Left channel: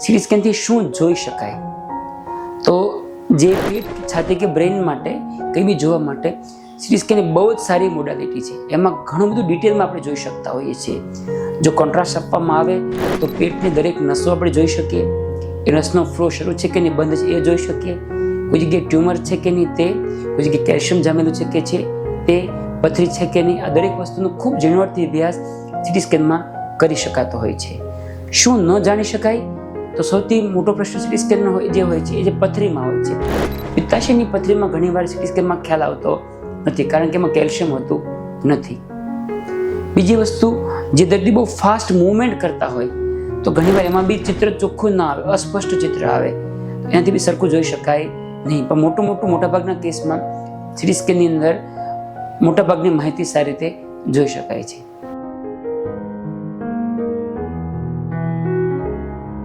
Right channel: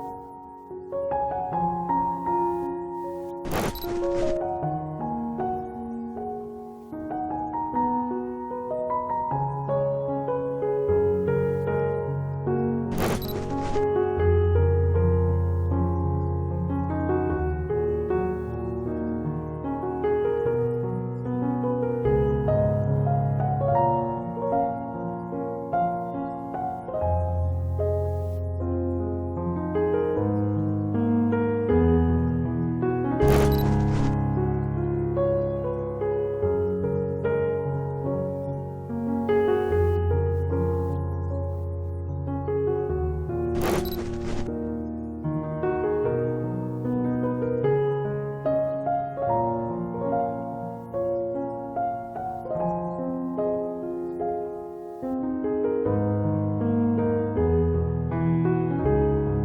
City સ્કેનથી શું જોઈ શકાય? તો જે પેટ છાતી કે બ્રેઇન માટે, કંઈ બી જોવા માટે સીટી સ્કેન બહુ જ સારી મોડાલિટી છે. એમાં ઘણું બધું ડિટેલમાં આપણે જોઈ શકતા હોઈએ છીએ. જો કોન્ટ્રાસ્ટ આપવામાં આવે, તો પેટની દરેક નસો આપણે જોઈ શકીએ. એ નસનો ફ્લો શરૂ છે કે નહીં, બંધ છે એ જોઈ શકીએ. કોઈ જગ્યાએ ટ્યુમર છે કે નહીં તે, કોઈ જગ્યાએ કેલ્શિયમ જામેલું છે કે છે તે, પથરી છે કે નહીં, આ દરેક વસ્તુનો ખૂબ ઝીણવટથી અભ્યાસ સીટી સ્કેનમાં કરી શકાતો હોય છે. શું ન જાણી શકાય? તો સૌથી મોટો પ્રશ્ન સિટી સ્કેનનો હોય, જે હોય છે, એ જે પથરીમાં હોય છે. પિત્તાશયની પથરીમાં ઘણીવાર સીટી સ્કેનમાં ખ્યાલ આવતો નથી, કારણ કે એમાં કેલ્શિયમ હોતું નથી. બીજી વસ્તુ, જે દર્દી બહુ ફાસ્ટ મૂવમેન્ટ કરતા હોય, તો ઘણીવાર એમાં બી ચિત્ર ચોખ્ખું ના આવે, અસ્પષ્ટ ચિત્ર આવે. એનાથી બી સરખું જોઈ શકાય નહીં. પણ મોટું મોટું મોટાભાગના કેસમાં સીટી સ્કેનની અંદર મોટાભાગની માહિતી સારી રીતે જોઈ શકાય છે.